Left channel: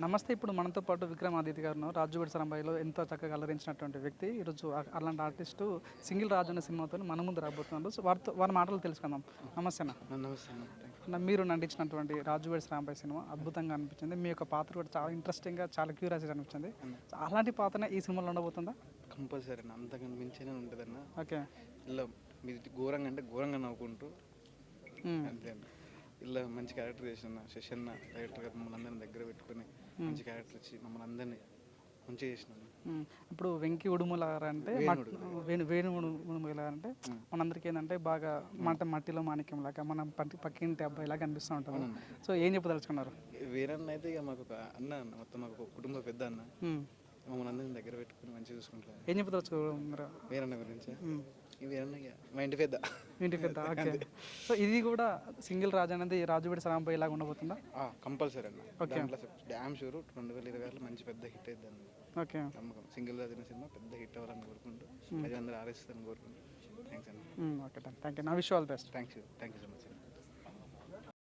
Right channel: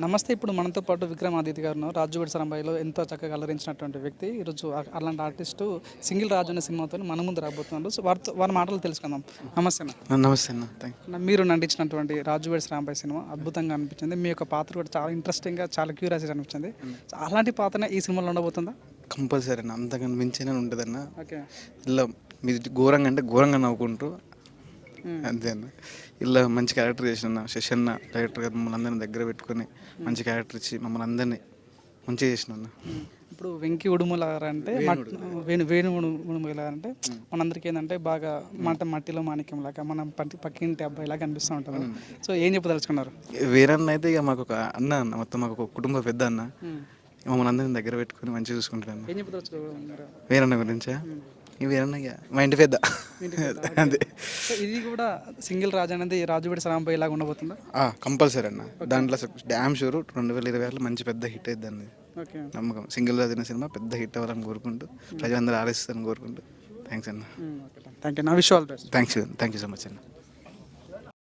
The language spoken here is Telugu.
నమస్తే. ఇప్పుడు మనతో పాటు విక్రమాదిత్య గారు ఉన్నారు. 'రాజు వెడ్స్ రంబాయిలో' ఎంతో చక్కగా అలరించినటువంటి వ్యక్తి. ఈరోజు అలాంటి ఆర్టిస్టు 'సింగిల్ రాజు' అనే సినిమాతో మన ముందు రాబోతున్నారు. సో వారి మాటలు తెలుసుకుందాం. నమస్తే అన్న. నమస్తే అన్న. థ్యాంక్ మీరు నటించినటువంటి 'రాజు వెడ్స్ రాంబాయ్' సినిమా అద్భుతంగా అనిపించింది. మీ యొక్క పాత్ర కూడా చాలా ఇంట్రెస్టింగ్‌గా, చాలా క్యూరియాసిటీ అనిపించింది. సో అలాంటి పాత్రనే ఈ సినిమాలో ఉండబోతుందా? కంపల్సరీ అన్న. అంతకన్నా మించినే ఉంటుందన్న. ఓకే. ఇలా మీది ఘోరంగా అంటే ఘోరంగా నవ్వుకుంటూ అంతే అన్న. ఇలా మంచి క్యారెక్టర్ చేసిన శశన్న డైరెక్టర్ గారు మమ్మల్ని అందరిని దగ్గర పెట్టుకొని మంచి క్యారెక్టర్ ఇచ్చి మమ్మల్ని అందరినీ మంచిగా చేసిన అన్న. ఇప్పుడు 'వెంకీ ఉడుమల' గారు అంటే వేణు ఉడుమల గారు అంటే మనందరికీ ఏంటంటే బాగా మట్టిలో మాణిక్యం లాగా మనం పక్కింటి అబ్బాయి లాగా అనిపిస్తూ ఉంటుంది. సో ఏం చెప్పదలుచుకున్నారు? వేరన్న అయితే ఇక మాకు ఒక అన్న అన్న, మొత్తం మాకు ఒక కుటుంబ పెద్ద అన్న. మమ్మల్ని అందరిని దగ్గర పెట్టుకొని మంచిగా చూసుకుంటాను. ఏం చెప్పదలుచుకున్నారు వేరన్న గురించా? ఈ వేరన్న ఇక మా ఇంటి పెద్ద అంతే. సో ఇది కూడా 'సింగిల్ రాజు' అనేది 'రాజు వెడ్స్ రాంబాయ్' లాగా ఉండబోతుందా? కంపల్సరీ అన్న. దాంట్లో డ్యామ్ షూర్ 2026లో మంచి పెద్ద హిట్ అయింది అన్నది ఓకే. నమ్మకం. 'సింగిల్ రాజు' అనే సినిమా పెద్ద హిట్ అవ్వాలని కోరుకుంటూ ప్రజలందరూ ఆలోచిస్తారని కోరుకుంటూ థ్యాంక్స్ అన్న. Thank you. నా wish all best. Thank you so much అన్న.